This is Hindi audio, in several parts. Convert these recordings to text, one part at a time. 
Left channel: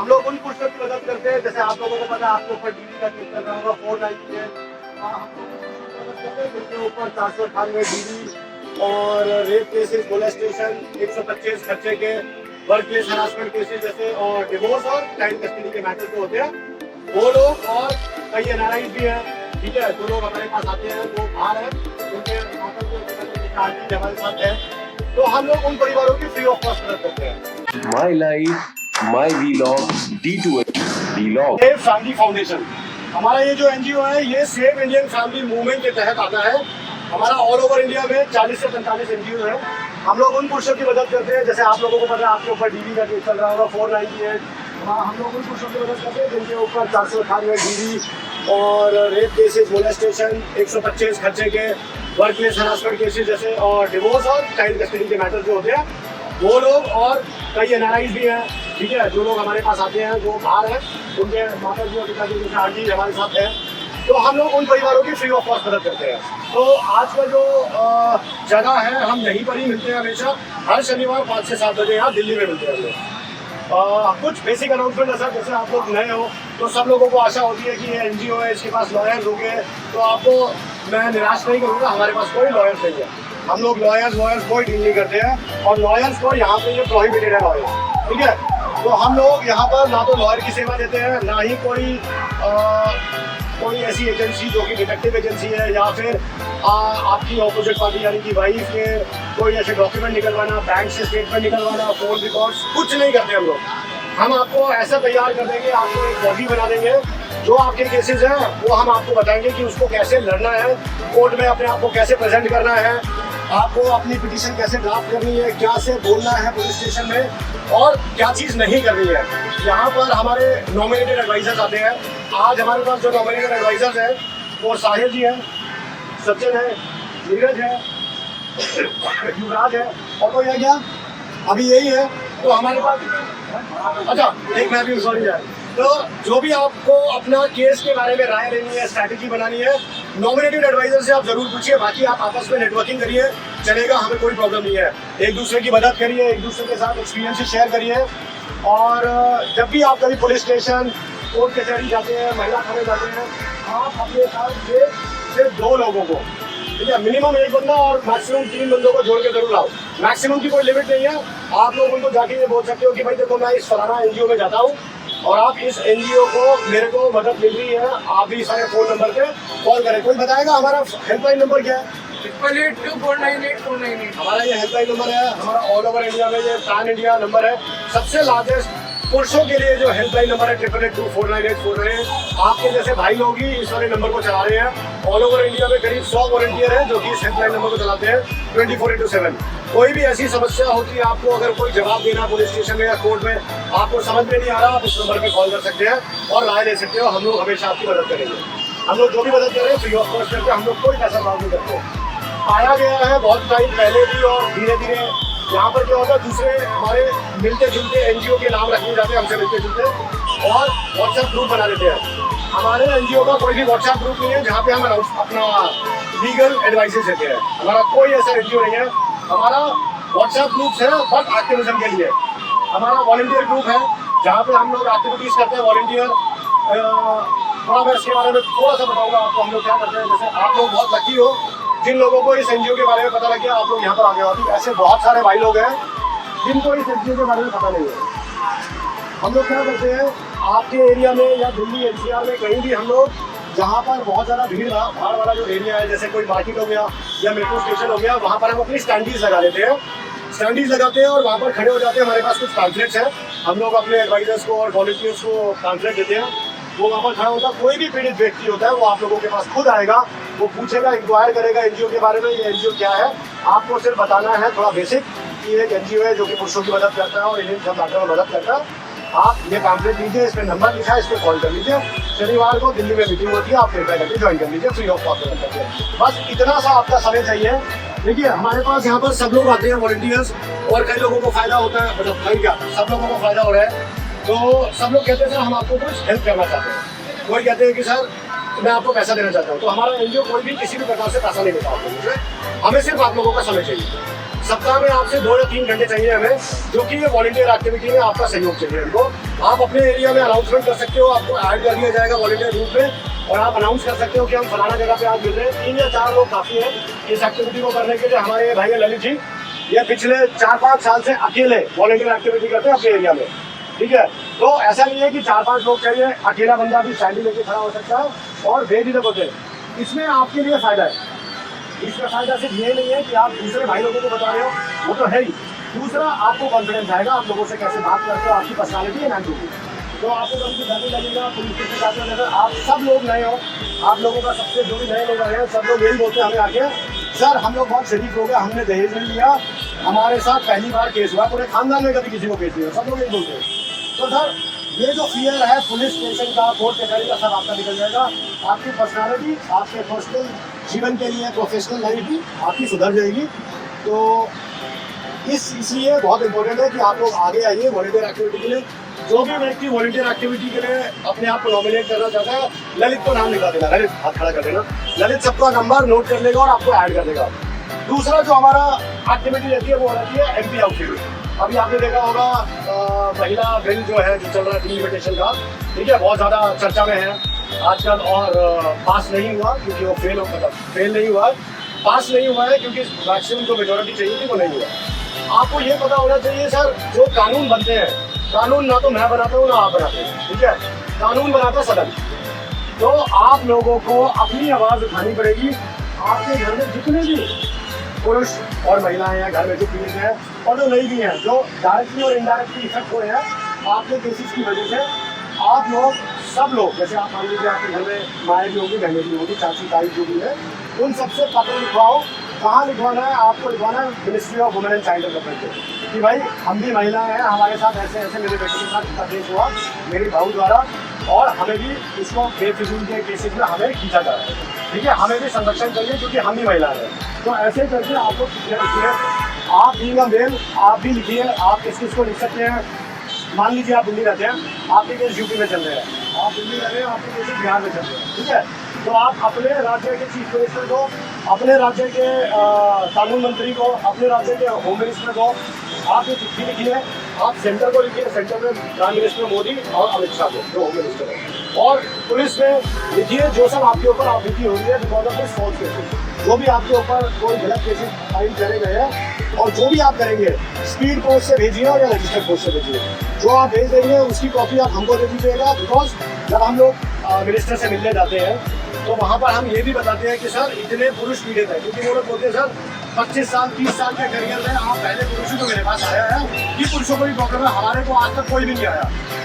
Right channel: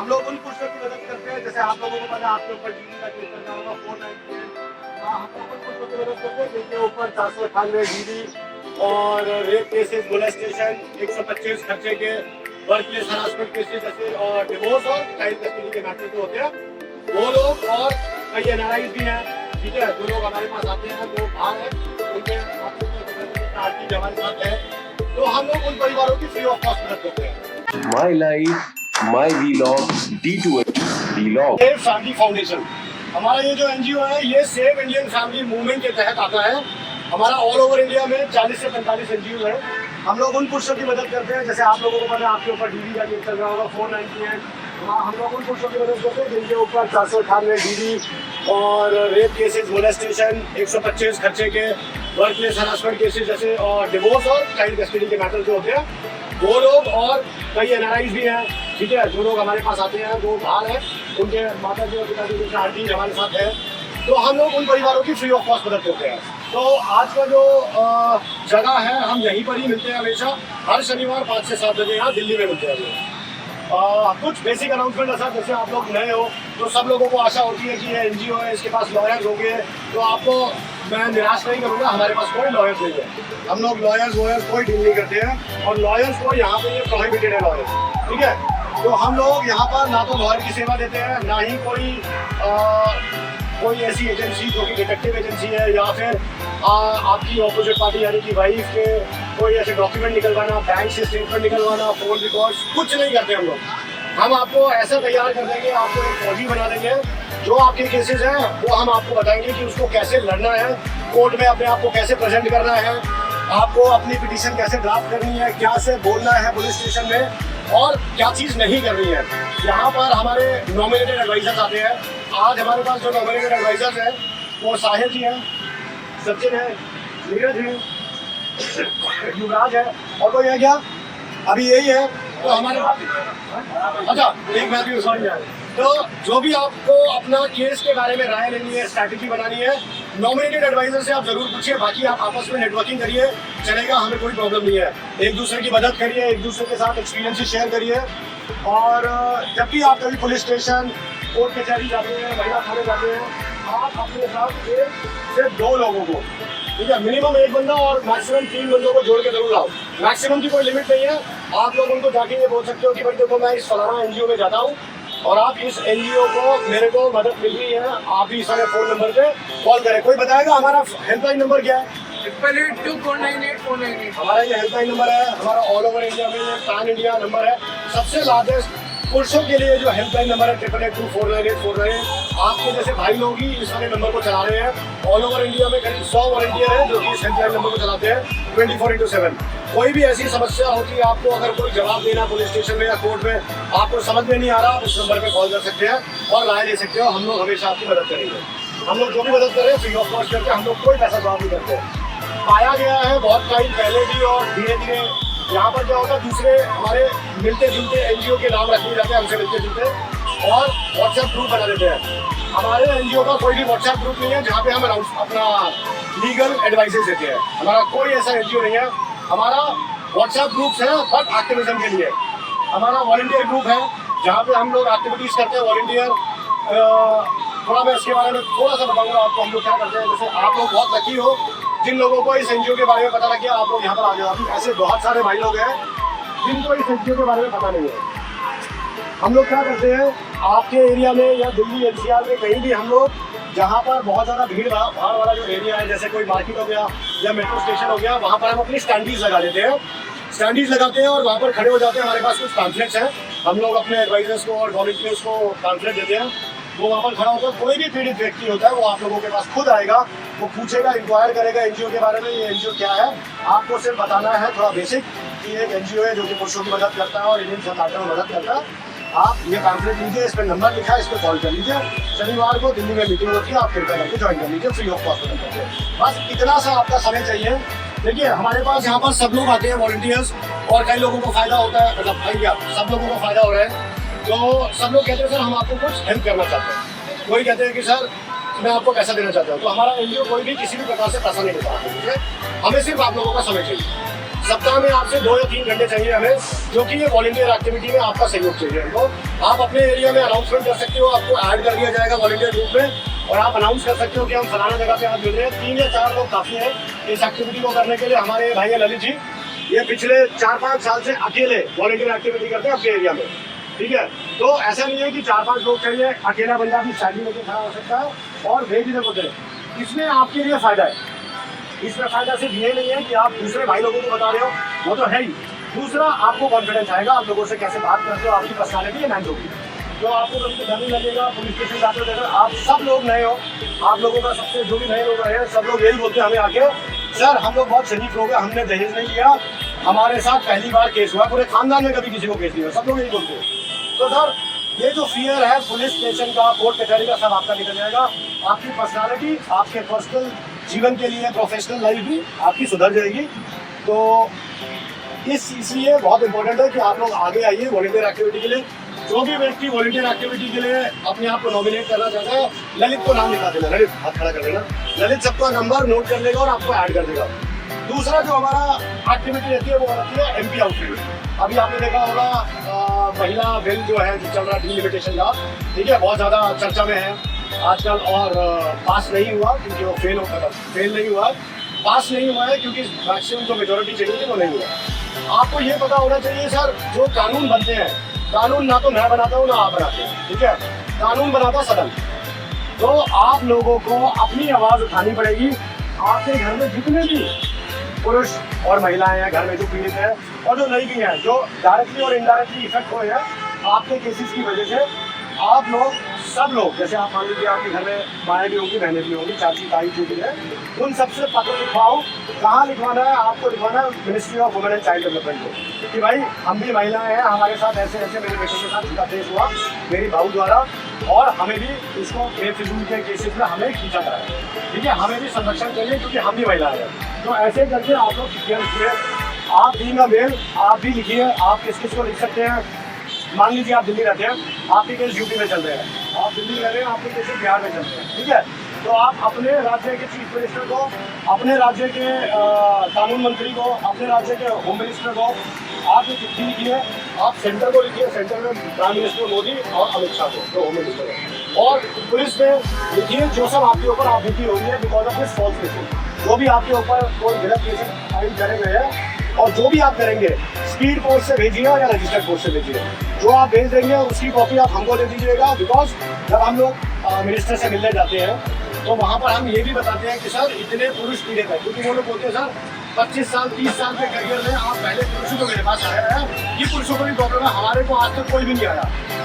हम लोग उन पुरुषों की मदद करते हैं, जैसे आप लोगों को पता है, आपके ऊपर डीडी का केस चल रहा होगा 490 है। हम लोग उन पुरुषों की मदद करते हैं जिनके ऊपर 498 डीडी और रेप केसेस, मोलेस्टेशन, 125 खर्चे के, वर्क प्लेस हरासमेंट केसेस जैसे और डिवोर्स और चाइल्ड कस्टडी के मैटर जो होते हैं, वो लोग और कई एनआरआईज भी हैं, ठीक है, जो लोग हमारे पास आते हैं, जो बाहर हैं, उनके आंटी हमारे साथ है, तो हम लोग उन परिवारों की फ्री ऑफ कॉस्ट मदद करते हैं। My life my vlog D2H vlog. Save family foundation हमारा ये जो एनजीओ है, ये सेव इंडियन फैमिली मूवमेंट के तहत आता है। हमारा ऑल ओवर इंडिया में 40 से 45 एनजीओ है। हम लोग उन पुरुषों की मदद करते हैं, जैसे आप लोगों को पता है, आपके ऊपर डीडी का केस चल रहा होगा 498। हम लोग उन पुरुषों की मदद करते हैं जिनके ऊपर 498 डीडी और रेप केसेस, मोलेस्टेशन, 125 खर्चे के, वर्क प्लेस हरासमेंट केसेस जैसे और डिवोर्स और चाइल्ड कस्टडी के मैटर जो होते हैं, वो लोग और कई एनआरआईज भी हैं, ठीक है, जो लोग हमारे पास आते हैं, जो बाहर हैं, उनके माता जी और पिताजी जैसे आंटी हमारे साथ है, तो हम लोग उन परिवारों की फ्री ऑफ कॉस्ट मदद करते हैं। तो आज का जो जगह है, हम यहीं पर ही मिलते हैं हमेशा, हर शनिवार 5 से 7 बजे यहाँ दिल्ली में मिलते हैं हम लोग। कुछ बेसिक अनाउंसमेंट है सर, जैसे आप लोग नए हो तो सब लोगों को आशा होती है कि ये एनजीओ है, इसके पास लॉयर्स होंगे, तो आपको मैं निराश नहीं करूँगा, हमारे पास कोई लॉयर्स नहीं है। हम लोग लॉयर्स कोई डील नहीं करते हैं, और लॉयर्स को यहाँ पे ये प्रोहिबिटेड है लॉयर्स, ठीक है। तो हम लोग यहाँ पर ना तो लॉयर की सेवा देते हैं, ना ही कोई ऐसी एजेंसी जो कि डिटेक्टिव एजेंसी है, या फिर आपकी ऑपोजिट पार्टी यानी कि वाइफ के कोई ऐसे डॉक्यूमेंट निकलवाना, बैंक से स्टेटमेंट निकलवाना, फोन रिकॉर्ड्स, कुछ नहीं करते हम लोग। हम आपको ऐसा तैयार कर देंगे, आपको एक बॉडी बना देंगे, जो आपके केसेस हैं वो हम आपको बताएंगे कि उसको कैसे लड़ना है, कोर्ट में अपने आप को कैसे प्रेजेंट करना है, आपको अपनी पिटीशन कैसे ड्राफ्ट करनी है, क्या से बोलना है पुलिस स्टेशन में, और क्या चीज़ नहीं करनी है। यहाँ पर हमारे नॉमिनेटेड एडवाइजर्स आते हैं। आज हमारे पास जो नॉमिनेटेड एडवाइजर्स हैं वो साहिर जी हैं, सचिन है, नीरज है, युवराज है, और कोई है क्या? अभी यही है। तो हमारे पास अच्छा एक मैं भी सॉरी है। तो जो भी आपको अपना केस के बारे में राय लेनी है, स्ट्रैटेजी बनानी है, नॉमिनेटेड एडवाइजर से आप जरूर पूछिए। बाकी आप आपस में नेटवर्किंग करिए, चलेगा, हमें कोई प्रॉब्लम नहीं है। एक दूसरे की मदद करिए, एक दूसरे के साथ एक्सपीरियंस शेयर करिए। और जब भी आप कभी पुलिस स्टेशन, कोर्ट कचहरी जाते हैं, महिला थाने जाते हैं, आप अपने साथ सिर्फ 2 लोगों को, ठीक है, मिनिमम 1 बंदा और मैक्सिमम 3 बंदों को जोड़ के जरूर लाओ। मैक्सिमम की कोई लिमिट नहीं है। आप लोग उनको जाके ये बोल सकते हो कि भाई देखो मैं इस फलाना एनजीओ में जाता हूँ और आप इस एनजीओ को, मेरे को मदद मिल रही है, आप भी सारे फोन नंबर पे कॉल करें। कोई बताएगा हमारा हेल्पलाइन नंबर क्या है? 882498498 हमारा ये हेल्पलाइन नंबर है। हमारा ऑल ओवर इंडिया में ये पैन इंडिया नंबर है। सबसे लार्जेस्ट पुरुषों के लिए जो हेल्पलाइन नंबर है 888249848। आपके जैसे भाई लोग ही इस वाले नंबर को चला रहे हैं। ऑल ओवर इंडिया में करीब 100 वॉलंटियर हैं जो कि इस हेल्पलाइन नंबर को चलाते हैं 24/7। कोई भी ऐसी समस्या होती है, आपको अगर कोई जवाब देना पुलिस स्टेशन में या कोर्ट में, आपको समझ में नहीं आ रहा, आप उस नंबर पे कॉल कर सकते हैं और राय ले सकते हो। हम लोग हमेशा आपकी मदद करेंगे। हम लोग जो भी मदद करें फ्री ऑफ कॉस्ट करते हैं। हम लोग कोई पैसा मांग नहीं करते। पाया गया है बहुत टाइम पहले भी और धीरे धीरे यहाँ पर क्या होगा, दूसरे हमारे मिलते जुलते एनजीओ के नाम रखने जाते हैं, हमसे मिलते जुलते और व्हाट्सएप ग्रुप बना देते हैं। हमारे एनजीओ का कोई भी व्हाट्सएप ग्रुप नहीं है जहाँ पे हम अपना लीगल एडवाइसेस देते हैं। हमारा कोई ऐसा एनजीओ नहीं है। हमारा व्हाट्सएप ग्रुप्स है बट एक्टिविज्म के लिए। हमारा वॉलंटियर ग्रुप है जहाँ पे हम लोग एक्टिविटीज करते हैं। वॉलंटियर थोड़ा मैं इसके बारे में थोड़ा सा बताऊंगा आपको। हम लोग क्या करते हैं, जैसे आप लोग बहुत लकी हो जिन लोगों को इस एनजीओ के बारे में पता लग गया, आप लोग यहाँ पर आ गए। अभी ऐसे बहुत सारे भाई लोग हैं जिनको इस एनजीओ के बारे में पता नहीं है। हम लोग क्या करते हैं, आपके एरिया में या दिल्ली एनसीआर में कहीं भी हम लोग जहाँ पर बहुत ज़्यादा भीड़ भाड़ वाला जो एरिया है, जैसे कोई मार्केट हो गया या मेट्रो स्टेशन हो गया, वहाँ पर हम अपनी स्टैंडीज लगा देते हैं। स्टैंडीज लगाते हैं और वहाँ पर खड़े हो जाते हैं। हमारे पास कुछ पैम्फलेट्स हैं। हम लोग अपने एडवाइजर्स को और वॉलंटियर्स को पैम्फलेट देते हैं। वो वहाँ पर खड़ा होता है। कोई भी पीड़ित व्यक्ति होता है वो आप लोगों के पास खुद आएगा, वो पूछेगा, इंक्वायर करेगा एनजीओ के बारे में, ये एनजीओ क्या है। आपको सिर्फ बताना है थोड़ा बेसिक कि एक एनजीओ है जो कि पुरुषों की मदद करता है और इंडियन सब मैटर में मदद करता है। आप ये पैम्फलेट लीजिए, इस पर नंबर लिखा है, इस पर कॉल कर लीजिए। शनिवार को दिल्ली में मीटिंग होती है, आप कृपया करके ज्वाइन कर लीजिए, फ्री ऑफ कॉस्ट करके। बस इतना सा आपका समय चाहिए। देखिए हमारे पास यहाँ पर सब लोग आते हैं वॉलंटियर्स, और कई लोगों को फायदा होता है, मतलब भाई क्या सब लोगों को फायदा हो रहा है। तो सब लोग कहते हैं सर हम आपको कुछ हेल्प करना चाहते हैं। कोई कहते हैं कि सर मैं आपको पैसा देना चाहता हूँ। तो हमारा एनजीओ कोई भी किसी भी प्रकार से पैसा नहीं लेता है। हमें सिर्फ आप लोगों का समय चाहिए। सप्ताह में आपसे 2 या 3 घंटे चाहिए हमें, जो कि ये वॉलंटियर एक्टिविटी में आपका सहयोग चाहिए हमको। आप अपने एरिया में अनाउंसमेंट कर सकते हो, आपको ऐड कर दिया जाएगा वॉलंटियर ग्रुप में और आप अनाउंस कर सकते हो कि हम फलाना जगह पे आज मिल रहे हैं। 3 या 4 लोग काफी हैं इस एक्टिविटी को करने के लिए। हमारे ये भाई है ललित जी, ये पिछले 4-5 साल से अकेले वॉलंटियर एक्टिविटी करते हैं अपने एरिया में, ठीक है। तो ऐसा नहीं है कि 4-5 लोग चाहिए, अकेला बंदा भी सैंडी लेके खड़ा हो सकता है और बेझिझक होते हैं। इसमें आपके लिए फायदा है। इसमें फायदा सिर्फ ये नहीं है कि आप दूसरे भाई लोगों को बता रहे हो, वो तो है ही। दूसरा, आपको कॉन्फिडेंस आएगा, आप लोगों से कैसे बात करते हो, आपकी पर्सनालिटी है मैन होगी, तो आपको कभी डर नहीं लगेगा। पुलिस स्टेशन जाते जैसे आप सब लोग नए हो, आप लोगों का सबसे जो भी नए लोग आए हैं सब लोग यही बोलते हैं हमें आके, सर हम लोग बहुत शरीफ लोग हैं, हमने दहेज नहीं लिया, हमारे साथ पहली बार केस हुआ, पूरे खानदान में कभी किसी को केस नहीं हुआ, सब लोग यही बोलते हैं। तो सर ये जो फियर है पुलिस स्टेशन का, कोर्ट कचहरी का, सब आपका निकल जाएगा। आपकी पर्सनालिटी, आपके पर्सनल जीवन के लिए प्रोफेशनल लाइफ भी आपकी सुधर जाएगी। तो इसलिए बहुत इंपॉर्टेंट है कि आप लोग आगे आइए वॉलंटियर एक्टिविटी के लिए। जो भी व्यक्ति वॉलंटियर एक्टिविटी के लिए अपने आप को नॉमिनेट करना चाहता है, ललित को नाम लिखा देना, ललित हाथ खड़ा कर देना, ललित सबका नंबर नोट कर लेगा और आपको ऐड कर देगा। दूसरा जो हमारा एक्टिविटी रहती है वो रहती है एमपी आउटफिट। अभी आपने देखा होगा महिला बिल जो है जो चल रहा है डिलिमिटेशन का, ठीक है, बहुत ज़्यादा चर्चा में है आजकल और पास नहीं हुआ क्योंकि वो फेल नहीं हुआ, पास नहीं हुआ है क्योंकि मैक्सिमम जो मेजोरिटी चाहिए थी वो नहीं हुआ। आपको ये पता होना चाहिए सर, जो कानून बनते हैं, कानून ना तो मैं बनाता हूँ ना आप बनाते हैं, ठीक है, कानून बनाता सदन। तो आप लोगों को अपनी आवाज़ उठानी पड़ेगी। आपके घर में जितने भी पुरुष और महिलाएं हैं घर में जो पीड़ित हैं और जो नहीं भी हैं, जो डायरेक्टली और इनडायरेक्टली इफेक्ट हुए हैं आपके केसेस की वजह से, आप लोग सब लोग, जैसे आप मान लीजिए आपके घर में माएँ भी होंगी, बहनें भी होंगी, चाची ताई जो भी है, उन सबसे पत्र लिखवाओ। कहाँ लिखवाना है? आपको लिखवाना है ministry of women and child development कि भाई हम भी महिलाएं हैं, हमारे साथ ऐसे ऐसे मेरे बेटे के साथ इनका केस हुआ मेरी बहू द्वारा और हमें भी इसको बेफिजूल के केसेस में हमें खींचा जा रहा है, ठीक है, हमें भी संरक्षण चाहिए क्योंकि हम भी महिलाएं हैं। तो ऐसे करके आपको लिखिए, आप भी ना मेल, आप भी लिखिए, आप किस किस को लिख सकते हैं। मान लीजिए आप दिल्ली रहते हैं, आपके केस यूपी में चल रहे हैं, आप दिल्ली रह रहे हैं, आपके केस बिहार में चल रहे हैं, ठीक है, तो आप अपने राज्य के चीफ मिनिस्टर को, अपने राज्य के कानून मंत्री को, अपने राज्य के होम मिनिस्टर को आप ये चिट्ठी लिखिए, आप सेंटर को लिखिए, सेंटर में प्राइम मिनिस्टर मोदी और अमित शाह को, जो होम मिनिस्टर है, और पुलिस में लिखिए जो सब आपके ऊपर आपत्ति हो रही है because of this false cases, जो भी आपके ऊपर कोई गलत केसेस फाइल करे गए हैं और जो भी आप करेंगे स्पीड पोस्ट से भेजिए या रजिस्टर्ड पोस्ट से भेजिए। जो आप भेज देंगे उसकी कॉपी आप हमको दे दीजिएगा, बिकॉज जब हम लोग मिनिस्टर से मिलने जाते हैं तो वहाँ पर हम ये भी बताते हैं कि सर इतने पुरुष पीड़ित हैं, क्योंकि वो लोग बोलते हैं सर 25 साल 30 साल के करियर में आप पहले पुरुषों को मेरे पास आया है, ये पुरुषों को भी प्रॉब्लम है, हमारे को आज तक कोई भी नहीं आया।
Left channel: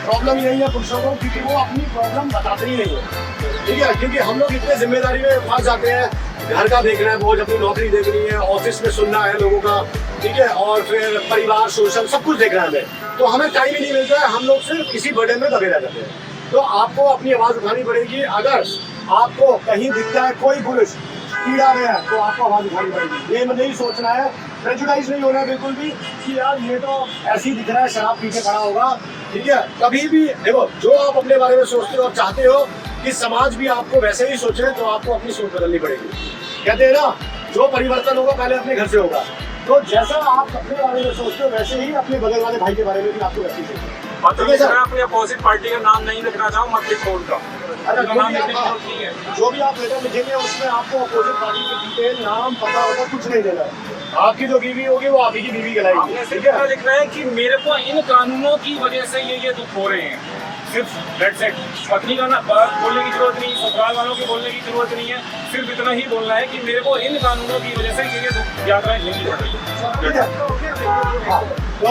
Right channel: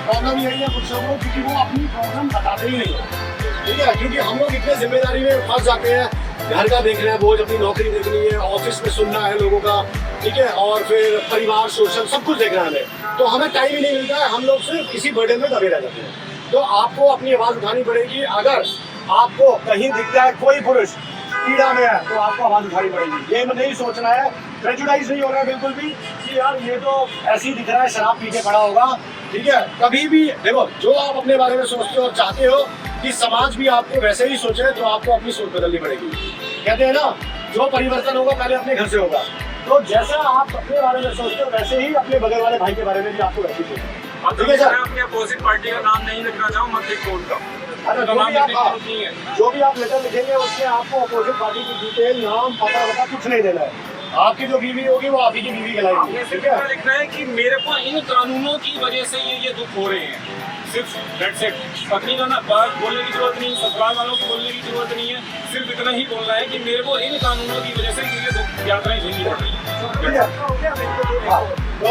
प्रॉब्लम यही है पुरुषों को क्योंकि वो अपनी प्रॉब्लम बताते ही नहीं है, ठीक है, क्योंकि हम लोग इतने जिम्मेदारी में फंस जाते हैं, घर का देख रहे हैं, रोज अपनी नौकरी देखनी है, ऑफिस में सुनना है लोगों का, ठीक है, और फिर परिवार सोशल सब कुछ देखना है हमें, तो हमें टाइम ही नहीं मिलता है, हम लोग सिर्फ इसी बर्डन में दबे रह जाते हैं। तो आपको अपनी आवाज़ उठानी पड़ेगी। अगर आपको कहीं दिखता है कोई पुरुष पीड़ा में है तो आपको आवाज़ उठानी पड़ेगी। ये नहीं सोचना है, प्रेजुडाइज नहीं होना है बिल्कुल भी कि यार ये तो ऐसे ही दिख रहा है, शराब पी के खड़ा होगा, ठीक है, कभी भी देखो जो आप अपने बारे में सोचते हो और चाहते हो कि समाज भी आपको वैसे ही सोचे, तो आपको अपनी सोच बदलनी पड़ेगी। कहते हैं ना, जो परिवर्तन होगा पहले अपने घर से होगा, तो जैसा आप अपने बारे में सोचते हो वैसे ही अपने बगल वाले भाई के बारे में भी आपको वैसे ही सोचना है। ठीक है सर, मैं अपनी अपोजिट पार्टी का नाम नहीं लिखना चाहूँ, मत लिख बोलता। जो भी आप लेटर लिखेंगे उसमें आपको अपोजिट पार्टी की डिटेल, नाम, पता वता कुछ नहीं देना है। आपकी जो बीवी होगी वो आपकी बीवी कहलाएगी। सिर्फ इतना लिखना है कि मेरे को इन कानूनों की वजह से ये दुख हो रहे हैं, सिर्फ दैट्स इट। पत्नी का ना बात बोलने की जरूरत नहीं, ससुराल वालों को बोलने की जरूरत नहीं है, सिर्फ इतना ही बोलना है कि मेरे को इन कानूनों की वजह से ये दुख यात्राएं झेलनी पड़ रही है। ठीक है, तो